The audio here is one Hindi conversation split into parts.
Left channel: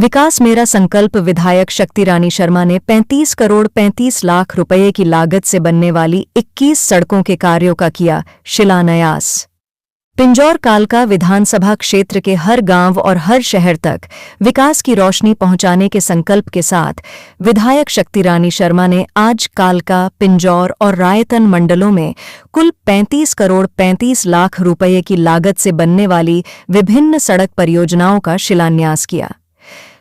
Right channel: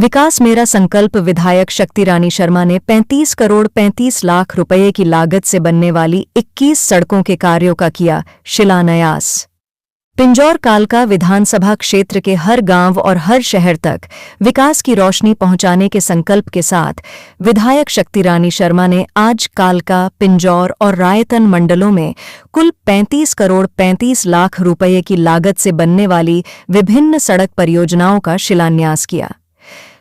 विकास मेरा संकल्प विधायक शक्ति रानी शर्मा ने 35 करोड़ 35 लाख रुपए की लागत से बनने वाली 21 सड़कों के कार्यों का किया शिलान्यास। पिंजौर कालका विधानसभा क्षेत्र के हर गांव और हर शहर तक विकास की रोशनी पहुंचाने के संकल्प के साथ विधायक शक्ति रानी शर्मा ने आज कालका, पिंजौर और रायतन मंडलों में कुल 35 करोड़ 35 लाख रुपए की लागत से बनने वाली विभिन्न सड़क परियोजनाओं का शिलान्यास किया।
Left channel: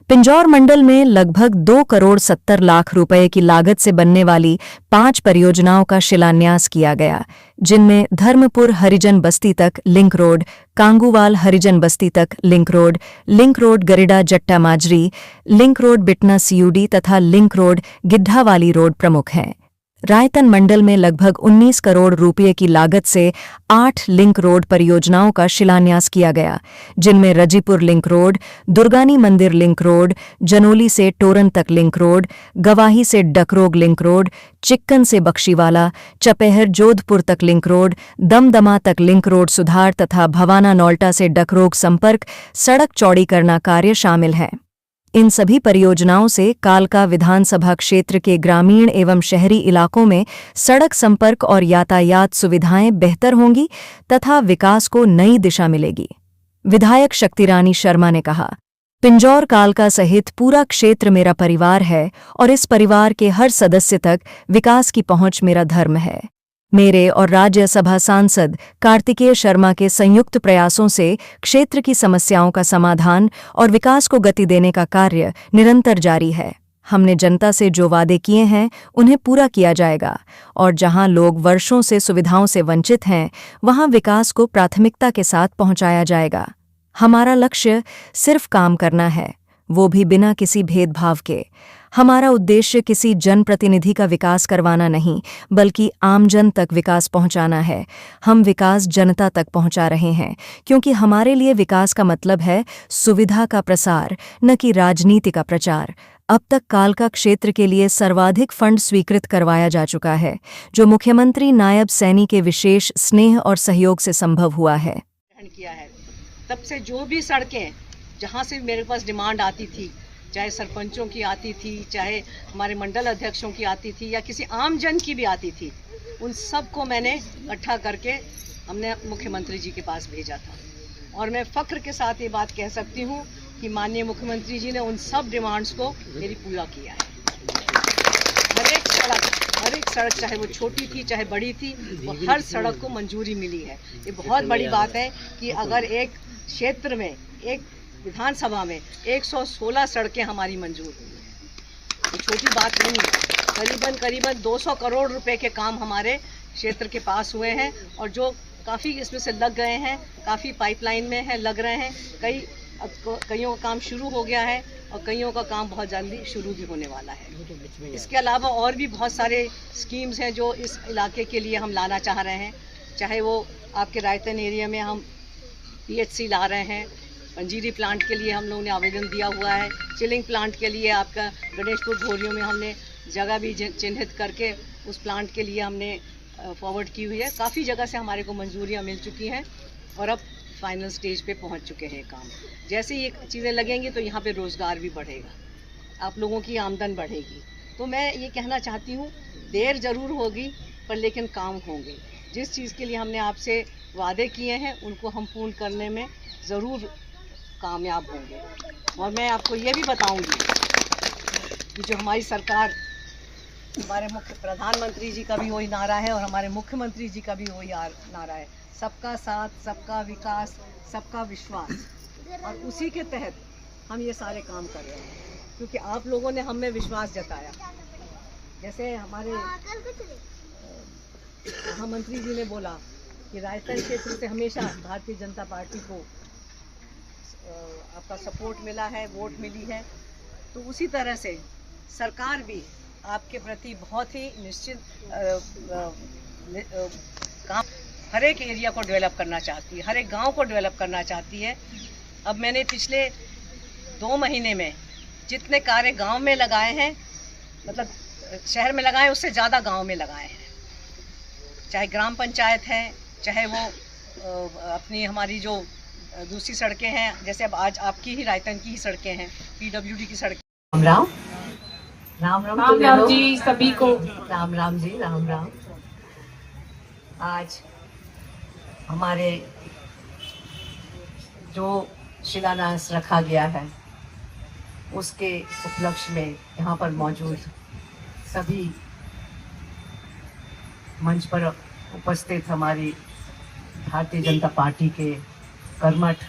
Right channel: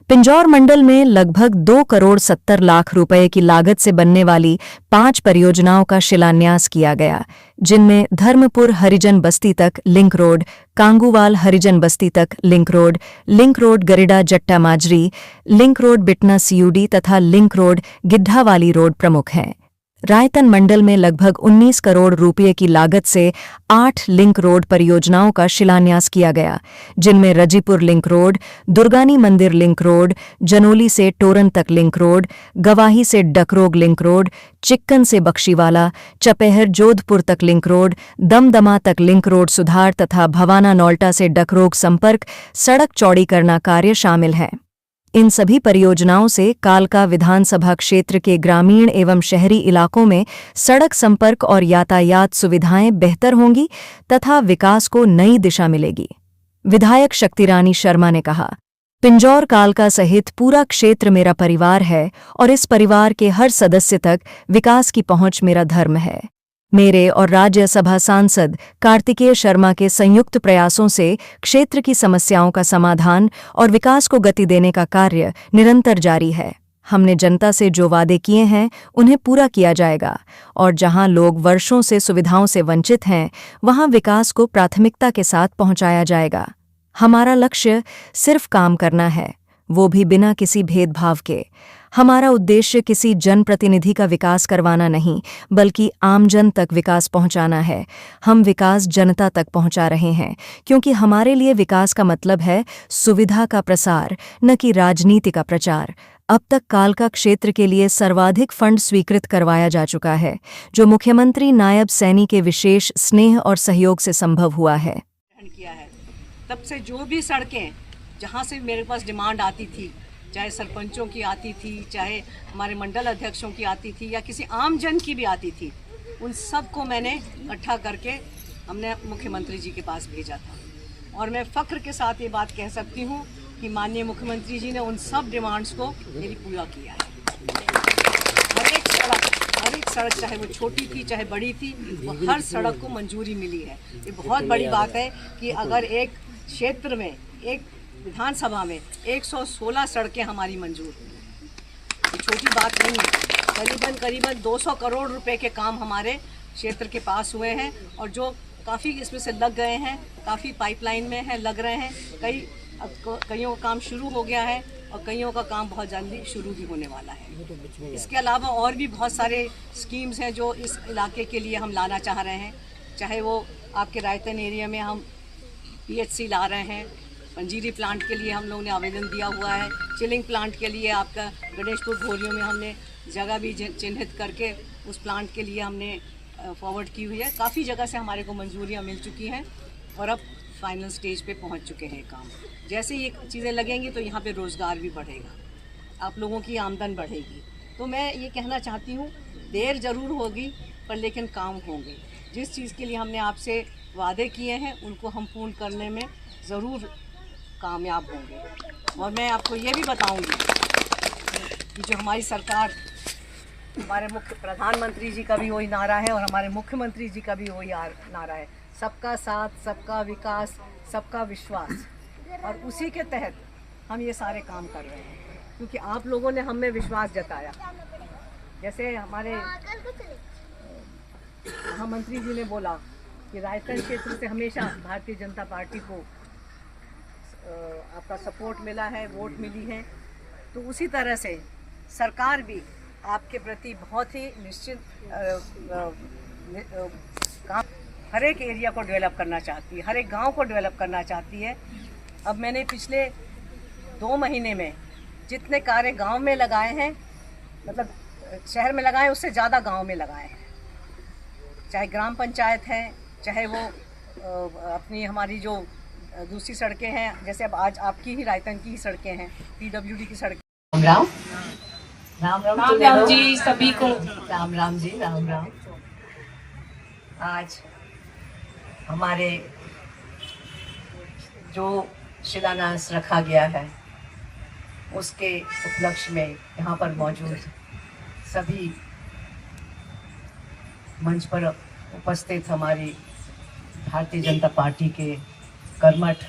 पिंजौर मंडल में लगभग 2 करोड़ 70 लाख रुपए की लागत से बनने वाली 5 परियोजनाओं का शिलान्यास किया गया, जिनमें धर्मपुर हरिजन बस्ती तक लिंक रोड, कांगूवाल हरिजन बस्ती तक लिंक रोड गरिडा जट्टा माजरी, लिंक रोड बिटना सीयूडी तथा लिंक रोड गिड्ढावाली रोड प्रमुख हैं। रायतन मंडल में लगभग 19 करोड़ रुपये की लागत से 8 लिंक रोड परियोजनाओं का शिलान्यास किया गया, जिनमें रजीपुर लिंक रोड, दुर्गानी मंदिर लिंक रोड, जनोली से टोरन तक लिंक रोड, गवाही से डकरोग लिंक रोड, चिक्कन से बख्शीवाला, चपेहर जोधपुर तक लिंक रोड, दमदमा तक लिंक रोड सुधार तथा भवाना नौल्टा से डकरोग संपर्क सड़क चौड़ीकरण कार्य शामिल है। इन सभी परियोजनाओं से कालका विधानसभा क्षेत्र के ग्रामीण एवं शहरी इलाकों में सड़क संपर्क और यातायात सुविधाएं बेहतर होंगी तथा विकास को नई दिशा मिलेगी। विधायक शक्ति रानी शर्मा ने कहा, पिंजौर कालका सहित पूरा क्षेत्र मेरा परिवार है और इस परिवार के हर सदस्य तक विकास की पहुंच मेरा धर्म है। मेरे और राज्यसभा सांसद कार्तिकेय शर्मा के संयुक्त प्रयासों से क्षेत्र की समस्याओं का समाधान और विकास को गति देने का कार्य निरंतर जारी है। हमने जनता से जो वादे किए हैं उन्हें पूरा किया जाएगा और जहां लोग वर्षों से सुविधाओं से वंचित हैं, वहां विकास को प्राथमिकता के साथ पहुंचाया जाएगा। हमारा लक्ष्य सिर्फ काम करना है, वो भी बिना किसी भेदभाव के। हमारा उद्देश्य किसी जनप्रतिनिधि का विकास करवाना नहीं, बल्कि आमजन तक विकास पहुंचाना है। हम विकास जनता तक पहुंचा रहे हैं, क्योंकि हमारे लिए विकास का मतलब है सुविधा का प्रसार, न कि राजनीति का प्रचार। अब तक कालका क्षेत्र के लिए सर्वाधिक फंड स्वीकृत करवाया जा चुका है, जो मुख्यमंत्री नायब सैनी के विशेष स्नेह और सहयोग से संभव हुआ है। तब से जो भी सड़कें जहाँ से मेरे पास डिमांड आती थी, चाहे सरपंचों की आती थी, चाहे हमारे मंडल अध्यक्षों की आती थी या किसी आम जन की भी आती थी, उन सब को मैंने इकट्ठा करके हमने मुख्यमंत्री जी के पास भेजा था। और मैं फ़ख्र के साथ ये बात कह सकती हूँ कि माननीय मुख्यमंत्री जी ने उन सब डिमांड्स को मेरी पूरा किया है। हर एक सड़क चाहे वो छोटी थी चाहे बड़ी थी, वो हर सड़क को मंजूरी मिली है। ये बहुत बड़ी बात है कि अगर एक क्षेत्र में, एक विधानसभा में 116 सड़कें हमारी मंजूर हुई हैं, ये छोटी बात नहीं है। करीबन 200 करोड़ रुपए के काम हमारे क्षेत्र के पास हुए हैं और जो काफ़ी इसमें से लग गए हैं, काफ़ी पाइपलाइन में है, लग रहे हैं। कईयों का काम शुरू हो गया है और कईयों का काम बहुत जल्दी शुरू भी होने वाला है। इसके अलावा और भी बहुत सारे स्कीम्स हैं जो इस इलाके के लिए हम लाना चाह रहे हैं। चाहे वो आपके रायतन एरिया में हम PHC ला रहे हैं, पंजीरी प्लांट के लिए हम लोगों ने आवेदन दिया हुआ है, चिलिंग प्लांट के लिए आपका गणेशपुर घोरियों में हमने जगह भी चिन्हित करके उस प्लांट के लिए हमने फॉरवर्ड की हुई है। काफ़ी जगह से हमारे को मंजूरियाँ मिल चुकी हैं और अब फाइनल स्टेज पे पहुंच चुके हैं काम। जैसे ये चीज़ें लगेंगी तो यहाँ पे रोज़गार भी बढ़ेगा, आप लोगों की आमदन बढ़ेगी। तो मैं ये कहना चाहती हूँ, देर ज़रूर होगी पर लेकिन काम होंगे। जिस चीज़ के लिए हमने आपसे वादे किए हैं उनको हम पूर्ण करने में ज़रूर कामयाब होंगे। और मैं आपको ये भी बताऊंगी कि जो हमारी सरकार, हमारे मुख्य प्रधानमंत्री जी का भी वही नारा है और हमारे मुख्यमंत्री जी का भी वही नारा है, सबका साथ, सबका विकास, सबका विश्वास। और उसी के तहत हम ये सारे काम कर रहे हैं, क्योंकि आप लोगों ने हम में विश्वास जताया। जैसे हमारे महामंत्री जी ने बोला कि रायतन क्षेत्र से हमेशा भारतीय जनता पार्टी को आपका सपोर्ट मिला है, वोट मिली है, तो उसी तरह से सरकार भी आपके प्रति बहुत ही निश्चित काम, हर एक एरिया को डेवलप करना चाहती है, हर एक गांव को डेवलप करना चाहती है। अब मैंने पिछले 2 महीने में जितने कार्य गांव में लगाए हैं, मतलब शहर में लगाए, उससे ज़्यादा गांव में लगाए हैं। चाहे ग्राम पंचायत है, चाहे वो अपनी हमारी जो दूसरी सड़कें हैं, जैसे अब आज आपकी ही रायतन की ही सड़कें हैं, पीडब्ल्यूडी की सड़कें। राम राम राम राम राम राम जी सभी को। राम राम जी राम राम। आज हमारे जो शिलान्यास रखा गया है उसके उपलक्ष्य में यहाँ पर मौजूद सभी मंच पर उपस्थित हमारी भारतीय जनता पार्टी के कर्मठ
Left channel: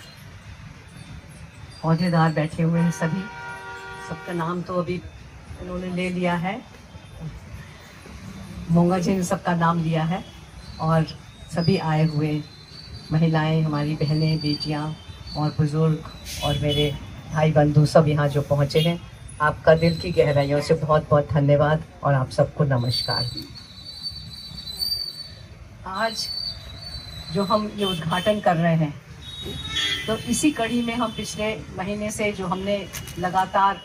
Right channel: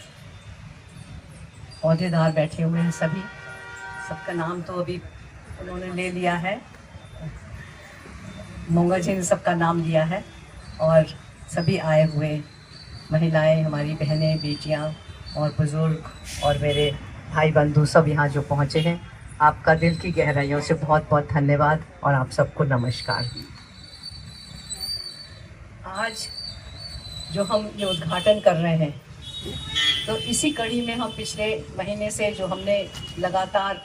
अहदेदार बैठे हुए हैं। सभी सबका नाम तो अभी उन्होंने ले लिया है, मोंगा जी ने सबका नाम लिया है, और सभी आए हुए महिलाएं, हमारी बहनें, बेटियां और बुजुर्ग और मेरे भाई बंधु सब यहाँ जो पहुँचे हैं, आपका दिल की गहराइयों से बहुत बहुत धन्यवाद और आप सबको नमस्कार। आज जो हम ये उद्घाटन कर रहे हैं तो इसी कड़ी में हम पिछले महीने से जो हमने लगातार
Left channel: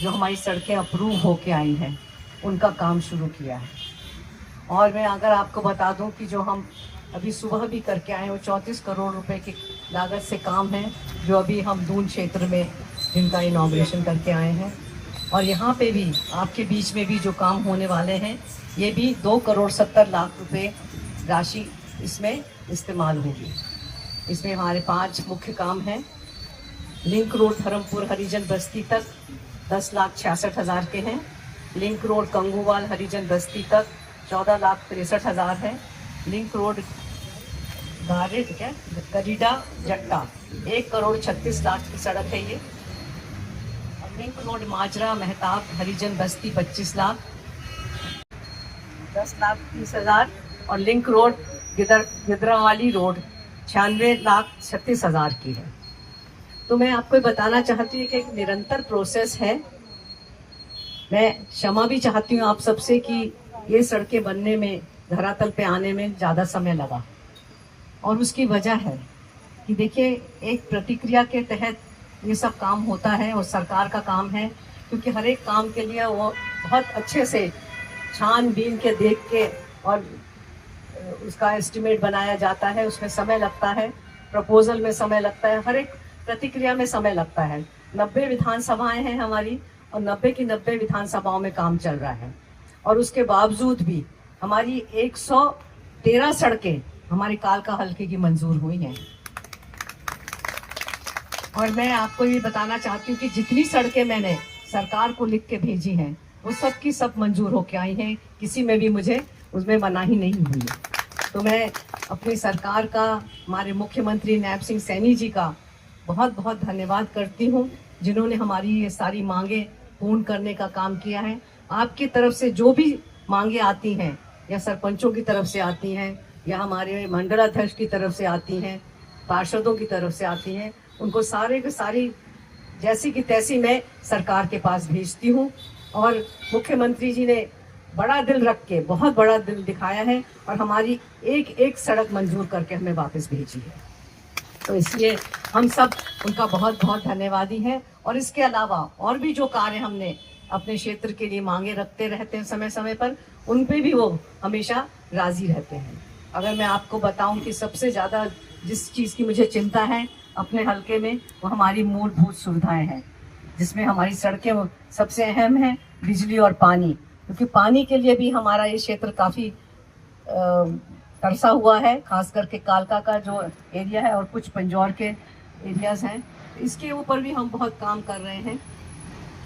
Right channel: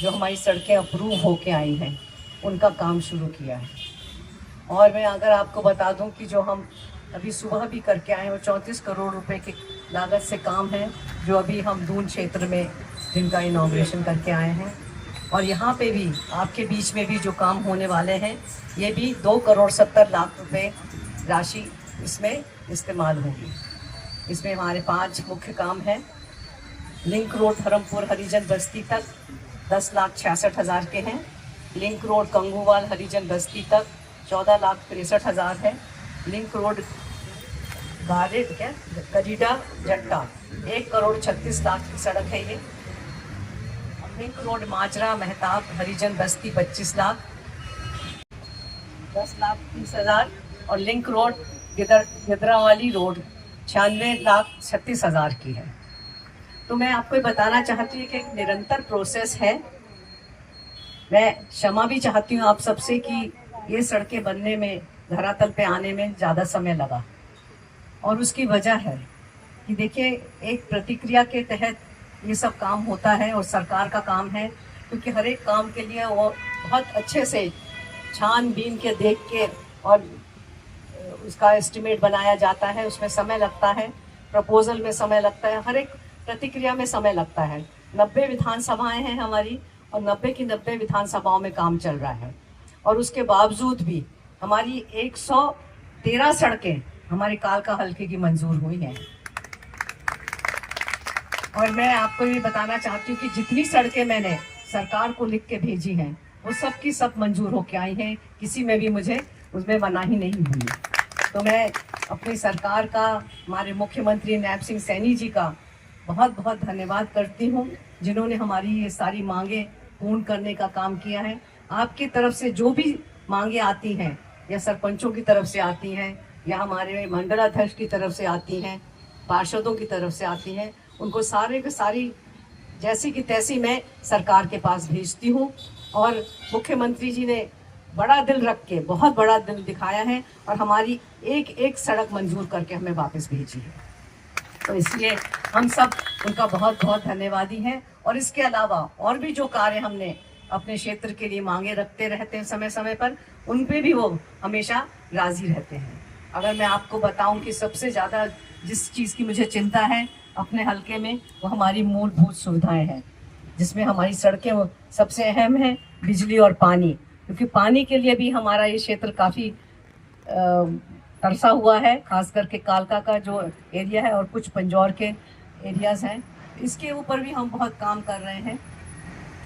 जो हमारी सड़कें अप्रूव होके आई हैं उनका काम शुरू किया है। और मैं अगर आपको बता दूं कि जो हम अभी सुबह भी करके आए हैं वो 34 करोड़ रुपए की लागत से काम है, जो अभी हम दून क्षेत्र में जिनका इनॉग्रेशन करके आए हैं। और यहाँ पे भी आपके बीच में भी जो काम होने वाले हैं ये भी 2,70,00,000 रुपए राशि इसमें इस्तेमाल होगी। इसमें हमारे 5 मुख्य काम हैं। लिंक रोड धर्मपुर हरिजन बस्ती तक 10,66,000 के हैं। लिंक रोड कंगूवाल हरिजन बस्ती तक 14,63,000 है। लिंक रोड गरीडा जट्टा 1,36,00,000 की सड़क है ये। और लिंक रोड माजरा मेहताब हरिजन बस्ती 25 लाख, 10,30,000। और लिंक रोड गिदरावाली रोड 96,36,000 की है। तो मैं आपको बताना चाहती हूँ कि एक निरंतर प्रोसेस है। मैं क्षमा भी चाहती हूँ आप सबसे कि ये सड़कें बनने में, धरातल पे आने में ज़्यादा समय लगा, और उसकी वजह है कि देखिए एक प्रतिक्रिया के तहत ये सब काम होता है और सरकार का काम है, क्योंकि हर एक काम के लिए वो बहुत अच्छे से छानबीन के देख के और उसका एस्टिमेट बनाया जाता है। उसमें समय लगता है, प्रपोजल में समय लगता है, हर एक प्रतिक्रिया में समय लगता है। 90 विधानसभाएं हैं हमारी और 90 की 90 विधानसभाओं में काम चल रहा है, और उसके बावजूद भी हमारी 113 सड़कें हमारी कालका हल्के की मंजूर हुई हैं। और मैं आपको ये बताना चाहती हूँ कि जितनी सड़कें मैंने सरकार को लिख के भेजी हैं वो सब की सब मंजूर होके आई हैं, किसी में भी मुझे उसमें मनाही नहीं हुई। तो मैं अपनी सरकार का, हमारे मुख्यमंत्री नैब सिंह सैनी जी का बहुत बहुत धन्यवाद करती हूँ, जिन्होंने हमारी ये सारी मांगे पूर्ण करने का काम किया है। आपकी तरफ से जो भी मांगे आती हैं, या सरपंचों की तरफ से आती हैं, या हमारे मंडलाध्यक्ष की तरफ से आती हैं, पार्षदों की तरफ से आती हैं, उनको सारे के सारी जैसी की तैसी मैं सरकार के पास भेजती हूँ। और मुख्यमंत्री जी ने बड़ा दिल रख के, बहुत बड़ा दिल दिखाया है और हमारी एक एक सड़क मंजूर करके हमें वापस भेजी है। तो इसलिए हम सब उनका बहुत बहुत धन्यवादी हैं। और इसके अलावा और भी जो कार्य हमने अपने क्षेत्र के लिए मांगे रखते रहते हैं समय समय पर, उन पे भी वो हमेशा राजी रहते हैं। अगर मैं आपको बताऊं कि सबसे ज़्यादा जिस चीज़ की मुझे चिंता है अपने हलके में, वो हमारी मूलभूत सुविधाएं हैं, जिसमें हमारी सड़कें सबसे अहम है, बिजली और पानी। क्योंकि पानी के लिए भी हमारा ये क्षेत्र काफ़ी तरसा हुआ है, खास करके कालका का जो एरिया है और कुछ पंजौर के एरियाज़ हैं, इसके ऊपर भी हम बहुत काम कर रहे हैं।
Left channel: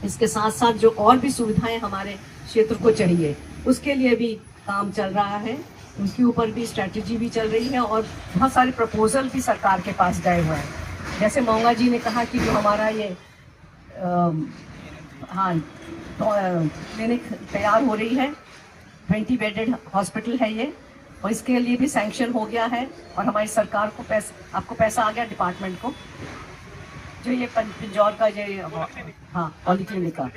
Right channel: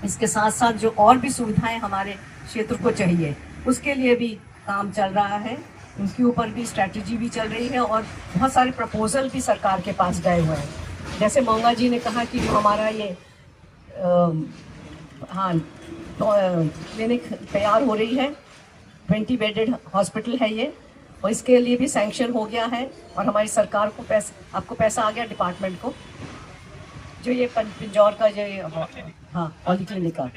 इसके साथ साथ जो और भी सुविधाएं हमारे क्षेत्र को चाहिए, उसके लिए भी काम चल रहा है, उनके ऊपर भी स्ट्रैटेजी भी चल रही है और बहुत सारे प्रपोजल भी सरकार के पास गए हुए हैं। जैसे मोंगा जी ने कहा कि जो हमारा ये क्लिनिक तैयार हो रही है, 20 बेडेड हॉस्पिटल है ये, और इसके लिए भी सैंक्शन हो गया है और हमारी सरकार को आपको पैसा आ गया डिपार्टमेंट को, जो ये पिंजौर का जो पॉलीक्लिनिक का,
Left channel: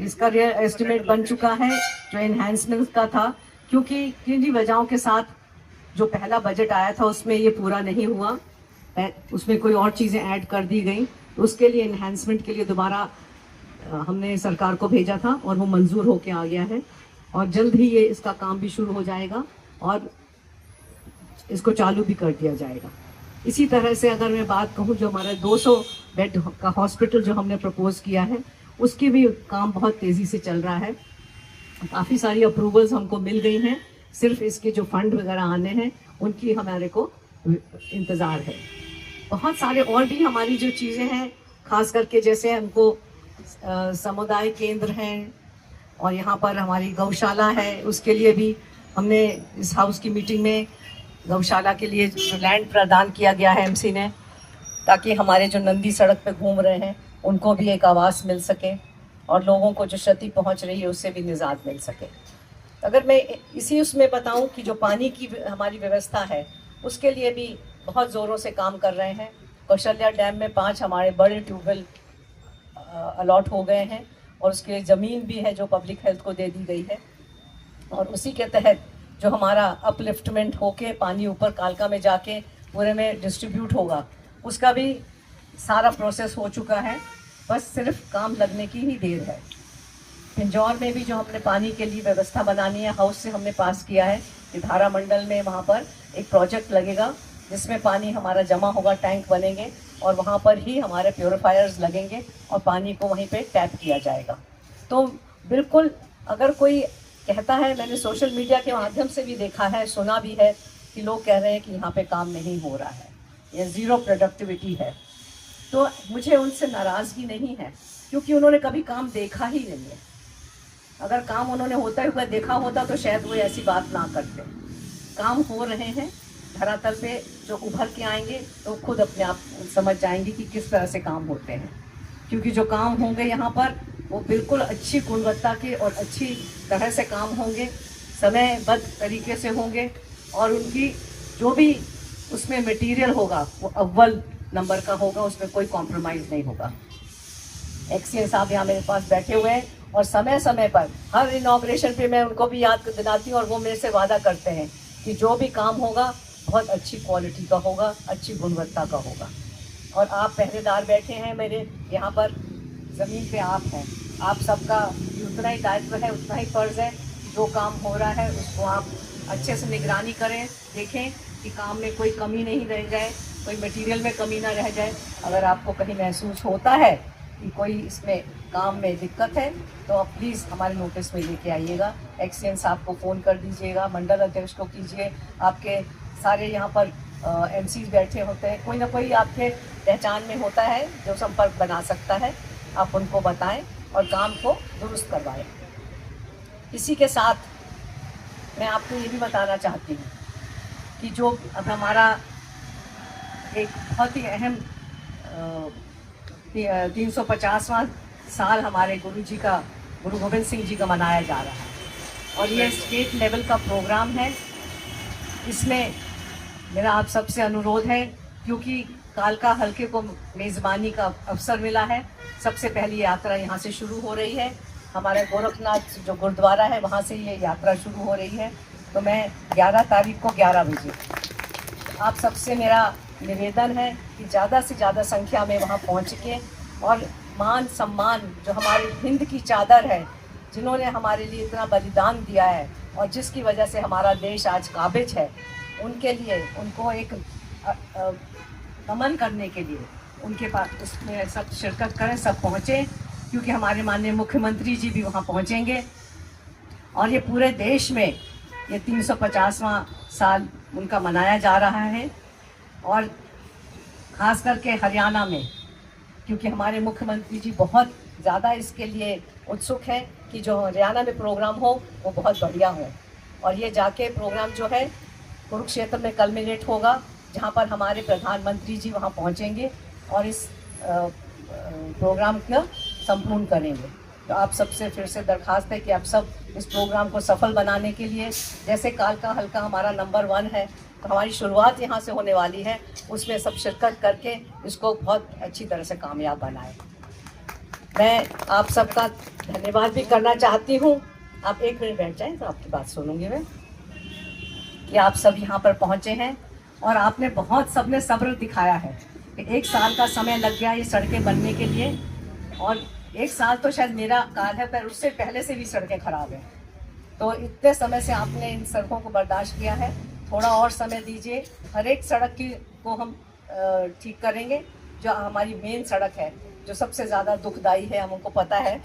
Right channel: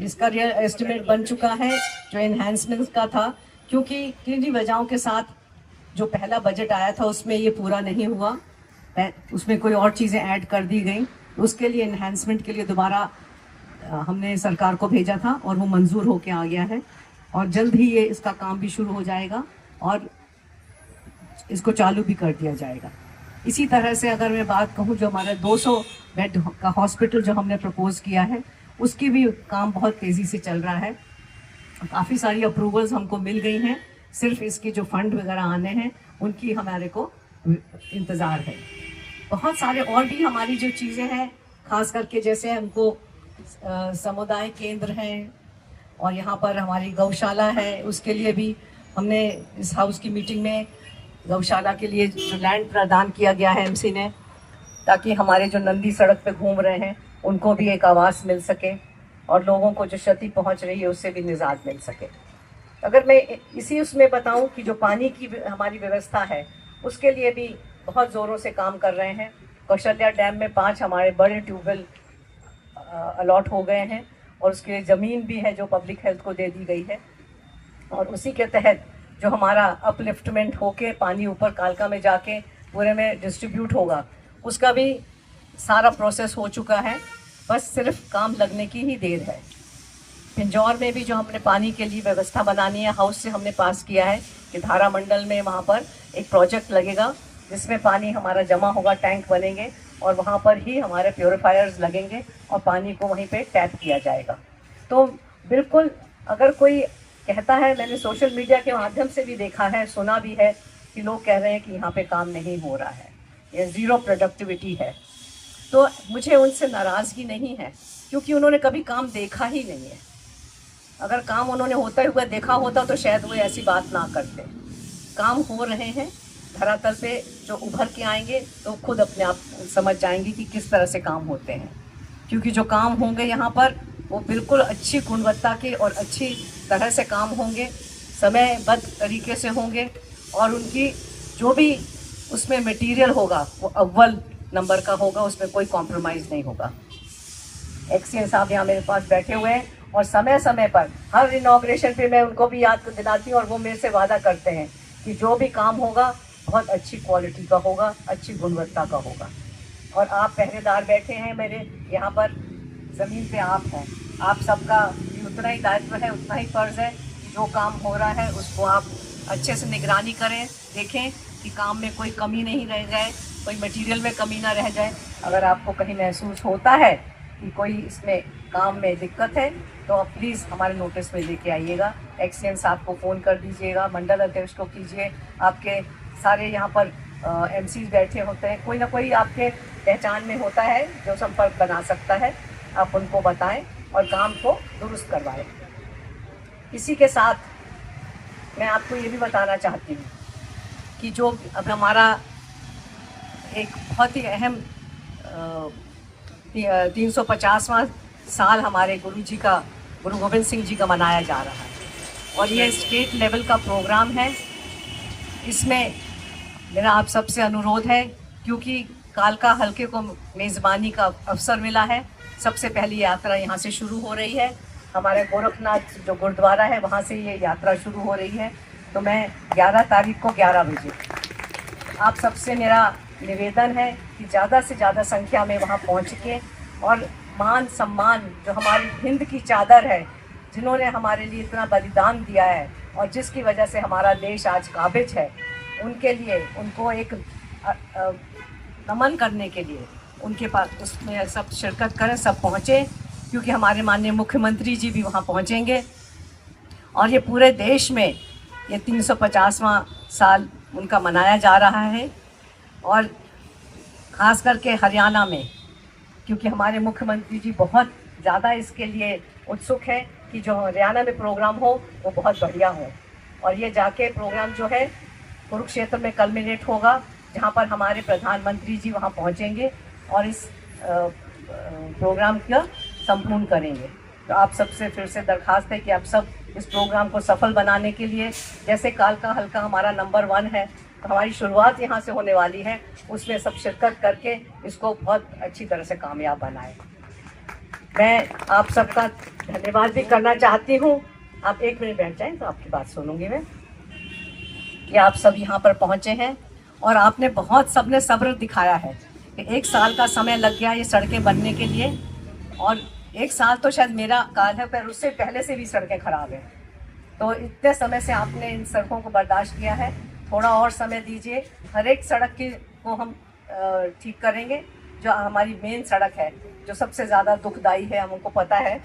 इसका एस्टिमेट बन चुका है, जो एनहेंसमेंट का था, क्योंकि किन्हीं वजहों के साथ जो पहला बजट आया था उसमें ये पूरा नहीं हुआ, उसमें कोई और चीज़ें ऐड कर दी गई। उसके लिए एनहेंसमेंट के लिए दोबारा हमने सरकार को भेजा था और वो मंजूर होके आ गया है, और जल्द ही ये इसका काम भी शुरू हो जाएगा और इसको चालू भी कर दिया जाएगा। इसी तरह से अगर मैं बात कहूँ, जो हमारा 200 बेड का हॉस्पिटल जो हमने प्रपोज किया है, उसकी भी काम बहुत तेज़ी से चल रहा है। काफ़ी सारी अप्रूवल्स हमको मिल गई हैं, सिर्फ इसके जो फंड वगैरह आने हैं उनकी हमारे को इंतज़ार है। बहुत सारे और भी हमारी जो चीज़ें हैं, खास करके जैसे हमको समुदाय केंद्र हैं और यहाँ पर हमारी गौशाला है, उसके लिए भी हमने इस हाउस की मीटिंग में गौशाला के लिए लैंड प्रदान किया गया है एमसी ने, ताकि हमारे जो नंदी सड़क पे घूम रहे हैं उनको भी एक आवास मिल सके और लोगों को जो क्षति पहुंच रही है उससे भी निजात मिल सके। अगर मैं इसी उसमें बताऊं कि जो पानी की हमारी व्यवस्था है उसके लिए भी बहुत ज़ोरों से काम कर रहे हैं। कौशल्या डैम में 5 हमारे बड़े ट्यूबवेल अलॉट हो गए हैं और उसके लिए ज़मीन भी है जो पब्लिक हेल्थ को दे दी गई है, और उसी के तहत जो हमारा अपलिफ्टमेंट होके पानी ऊपर कालका में जाके पूरे में डिस्ट्रीब्यूट होगा, उसका भी सारा प्रोसेस हो चुका है, बस सिर्फ काम लगने की ही देर है। पिंजौर में भी जो हमने पानी के लिए व्यवस्था बनानी है, हाउस से हमने पास किया है कि धारा मंडल में वहाँ पर एक प्रोजेक्ट लगेगा जिसमें पानी हमारा जमा होगा, टैंक बनेंगे और वहाँ पर ही हमारे प्योरीफायर्स लगेंगे और पानी को वहीं पे टैप किया जाएगा। तो बिल्कुल अगर कोई कहता है, मैंने सोशल मीडिया के माध्यम से भी देखा है, सुना भी है कि लोग कह रहे हैं कि यहाँ पे काम नहीं हो रहा है, ये ज़ीरो प्रोडक्टिविटी है, तो मुझे उनसे नाराज़गी नहीं है क्योंकि उन्होंने कभी काम देखा ही नहीं है। अगर काम उन्होंने होता हुआ देखा होता तो शायद वो ऐसी बात ना करते। काम हो रहे हैं धरातल पे, जो उभर के आएंगे तो खुद अपने आप समझ जाएंगे कि किस तरह से काम होते हैं, क्योंकि जो काम होंगे यहाँ पर वो बिल्कुल अच्छी गुणवत्ता के और अच्छी तरह से काम होंगे, समयबद्ध तरीके से होंगे और उनकी जो भी उसमें मटेरियल होगा वो अव्वल नंबर का होगा, उसमें कोई कॉम्प्रोमाइज़ नहीं होगा। एक्सीए साहब यहाँ मेरे पास बैठे हुए हैं और समय समय पर हर इनॉग्रेशन पे मैं उनको भी याद दिलाती हूँ और वो मेरे से वादा करते हैं कि जो भी काम होगा बहुत अच्छी क्वालिटी का होगा, अच्छी गुणवत्ता का होगा। और आप पहरेदार बैठे हैं मेरे यहाँ पर, ज़मीन पे आप हैं, आप सबका उतना ही दायित्व है, उतना ही फ़र्ज़ है, जो काम हो रहा है उसको आप अच्छे से निगरानी करें, देखें कि काम में कोई कमी नहीं रह जाए, कोई मटेरियल में कमी ना रह जाए। अगर आपको कहीं महसूस होता है कि कोई इसमें काम में दिक्कत है तो प्लीज़ हमारे नोटिस में लेके आइएगा। एक्सीएम साहब को फ़ोन कर दीजिएगा, मंडल अध्यक्ष को कीजिए, आपके सारे यहाँ पर एमसीज बैठे होते हैं, कोई ना कोई आपके पहचान में होता है जो संपर्क बना सकता है, आप उनको बताएं और काम को दुरुस्त करवाएं। इसी के साथ मैं आपको ये भी बताना चाहती हूँ कि जो अब हमारा एक बहुत ही अहम 350वां साल हमारे गुरु गोविंद सिंह जी का मनाया जा रहा है और ये स्टेट लेवल का प्रोग्राम है। इसमें मेरा आप सबसे अनुरोध है, क्योंकि कालका हल्के को मेज़बानी का अवसर मिला है, सबसे पहली यात्रा यहाँ से शुरू हो रही है, हमारे गोरखनाथ जो गुरुद्वारा है वहाँ से ये यात्रा शुरू हो रही है। तो मैं 11 तारीख को 11 बजे आप सबसे मेरा निवेदन है कि ज़्यादा से ज़्यादा संख्या में वहाँ पहुँच के और मान सम्मान जो हमारी हिंद की चादर है, जिन्होंने हमारे लिए इतना बलिदान दिया है और जिसकी वजह से हमारा देश आज काबिज है, उनके लिए उनको एक नमन करने के लिए उनके पास उसमें सब शिरकत करें, सब पहुँचे, क्योंकि हमारे माननीय मुख्यमंत्री जी भी वहाँ पहुँचेंगे और ये पूरे देश में ये 350वां साल उनका मनाया जा रहा है। और ख़ास करके हरियाणा में, क्योंकि हमारे मुख्यमंत्री जी बहुत ज़्यादा इसके लिए उत्सुक है कि जो हरियाणा में प्रोग्राम हो वो बहुत बढ़िया हो, और ये जाके प्रोग्राम जो है कुरुक्षेत्र में कल्मिनेट होगा, जहाँ पर हमारे प्रधानमंत्री जी वहाँ पहुँचेंगे और इस प्रोग्राम का संपूर्ण करेंगे। तो आप सबसे फिर से दरख्वास्त है कि आप सब इस प्रोग्राम को सफल बनाने के लिए, जैसे कालका हल्का हमारा नंबर 1 है, तो हमारी शुरुआत यहाँ से होने वाली है, उसमें सब शिरकत करके इसको बहुत अच्छी तरह से कामयाब बनाएं। मैं आप सबका धन्यवाद भी करना चाहती हूँ। आप 1 मिनट बैठ जाएं तो आपकी बात सुनूंगी मैं, कि आप सब यहाँ पर पहुँचे हैं और आपने बहुत सबने सब्र दिखाया है कि 1 साल का समय लग गया ये सड़कें बनने के लिए, और 1 साल तो शायद मेरा काल है, पर उससे पहले से भी सड़कें खराब हैं। तो इतने समय से आपने इन सड़कों को बर्दाश्त किया है, थोड़ा और समय दीजिए। हर एक सड़क की को हम ठीक करेंगे। जो हमारी मेन सड़क है, जो सबसे ज़्यादा दुखदाई है, हमको पता है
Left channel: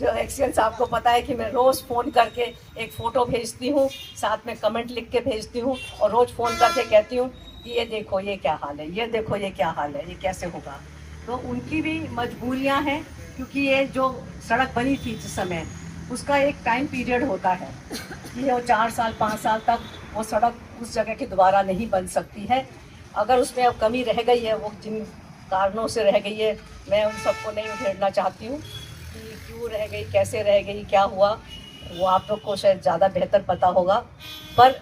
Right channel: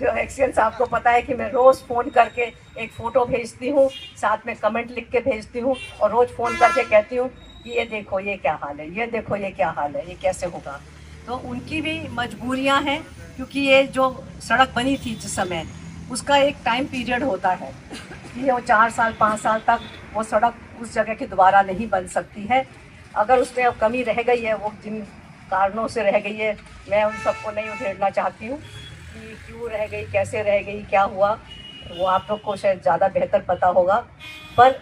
जो एक्सीडेंट आपको पता है कि मैं रोज़ फ़ोन करके एक फ़ोटो भेजती हूँ, साथ में कमेंट लिख के भेजती हूँ और रोज़ फ़ोन करके कहती हूँ कि ये देखो ये क्या हाल है, ये देखो ये क्या हाल है, ये कैसे होगा। तो उनकी भी मजबूरियाँ हैं, क्योंकि ये जो सड़क बनी थी जिस समय, उसका एक टाइम पीरियड होता है कि वो 4 साल 5 साल तक वो सड़क उस जगह की दोबारा नहीं बन सकती है। अगर उसमें कमी रह गई है, वो जिन कारणों से रह गई है, मैं उन सबको नहीं उधेड़ना चाहती हूँ कि क्यों रह गई, कैसे रह गई, क्या हुआ, वो आप लोग को शायद ज़्यादा बेहतर पता होगा। पर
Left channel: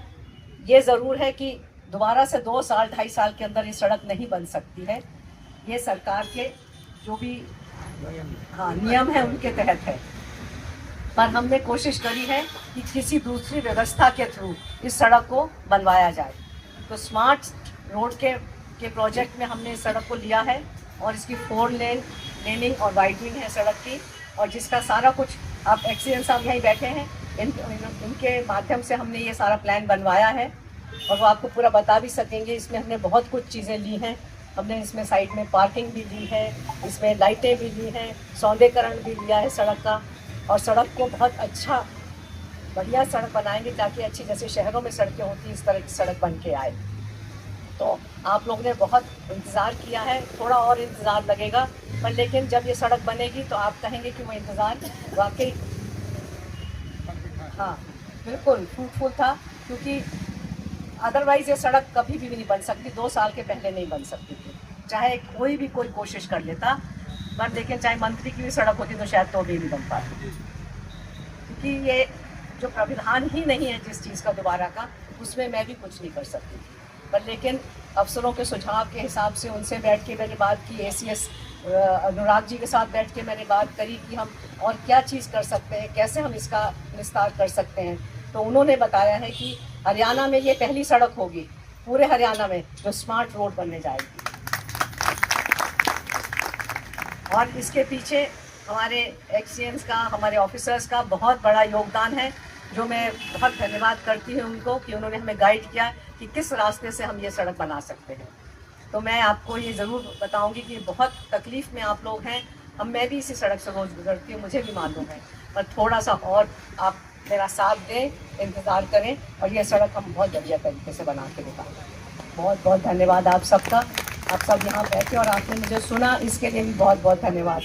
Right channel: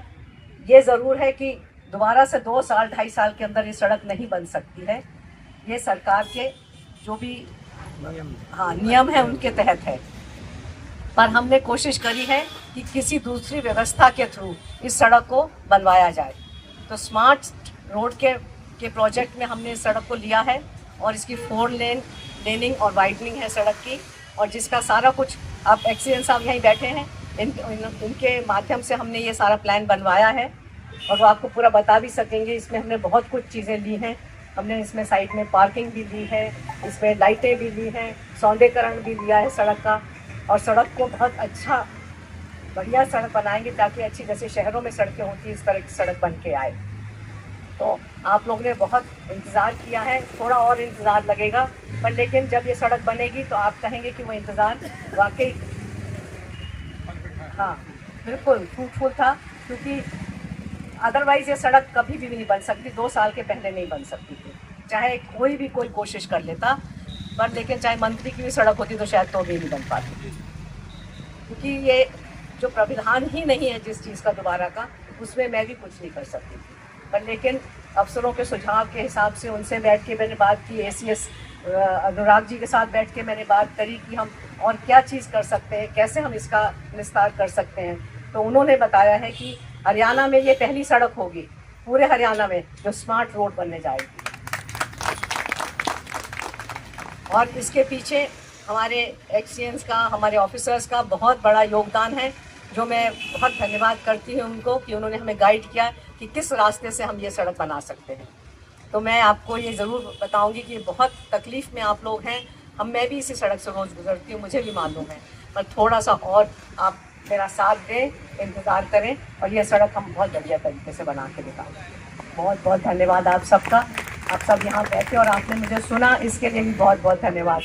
ये ज़रूर है कि दोबारा से 2 साल 2.5 साल के अंदर ये सड़क नहीं बन सकती है। ये सरकार के जो भी नियम है उनके तहत है। पर हमने कोशिश करी है कि किसी दूसरी व्यवस्था के थ्रू इस सड़क को बनवाया जाए। तो स्मार्ट रोड के प्रोजेक्ट में हमने इस सड़क को लिया है और इसकी 4 लेनिंग और वाइडनिंग है सड़क की, और जिसका सारा कुछ अब एक्सीडेंट साहब यहीं बैठे हैं, उनके माध्यम से हमने ये सारा प्लान बनवाया है और वो आपको पूरा बता भी सकेंगे। इसमें हमने बहुत कुछ चीज़ें ली हैं। हमने इसमें साइड में पार्किंग भी ली है, इसमें लाइटें भी ली हैं, सौंदर्यीकरण भी लिया है सड़क का, और सड़क को बहुत अच्छा बढ़िया सड़क बनाएंगे ताकि अच्छी, जैसे शहरों में सड़कें होती हैं, इस तरह की सड़क बन के आए। तो आप लोगों ने बहुत इंतज़ार किया है, थोड़ा और इंतज़ार लगेगा, पर लेकिन जब ये सड़क बनेगी तो आप कहेंगे कि वो इंतज़ार वाकई हाँ बिल्कुल फ्रूटफुल था, क्योंकि अदरवाइज़ ये सड़क कभी भी नहीं बन सकती, 2 साल के पहले नहीं बन सकती थी, चाहे कोई कोशिश कर लेता। पर लेकिन चाहे मंत्री की भी सड़क होती तो शायद तो भी नहीं बन पाती, क्योंकि ये जो प्राविधान ही नहीं है जिस चीज़ का दोबारा का, उसमें मैं भी कुछ नहीं कर सकती थी। पर लेकिन अफसरों के सुझाव के हिसाब से उनसे बैठ के मैंने बात की, ACS अनुराग जी के साथ बैठ के मैंने बात करी कि हम और क्या चीज़ कर सकते हैं, कैसे हम इसका विस्तार कर सकते हैं। तो उन्होंने बताया है कि हरियाणा में ये पहली सड़क होगी पूरे हरियाणा में जो स्मार्ट रोड बनने जाएगी, और इसके पीछे हमारे एक्सीएंस का, हमारे ऑफिसर्स का बहुत बड़ा योगदान है, जो मैं बहुत धन्यवाद करती हूँ उनको कि उन्होंने हमें गाइड किया कि किस रास्ते से हम ये सड़क बना सकते हैं। तो मैं आपको ये ज़रूर बताऊंगी कि बहुत तकलीफ़ में आप लोग हैं, मैं भी इसी सड़क से रोज़ गुजरती हूँ, मुझे भी मालूम है, पर थोड़ा सा और आप मेरा साथ दें, इंतज़ार करें और ये सड़क हम बहुत बढ़िया तरीके से बना के दिखाएं। बहुत बहुत धन्यवाद आप सबका, आप सब यहाँ बैठे और आपने मुझे सुना, इसके लिए भी बहुत बहुत धन्यवाद।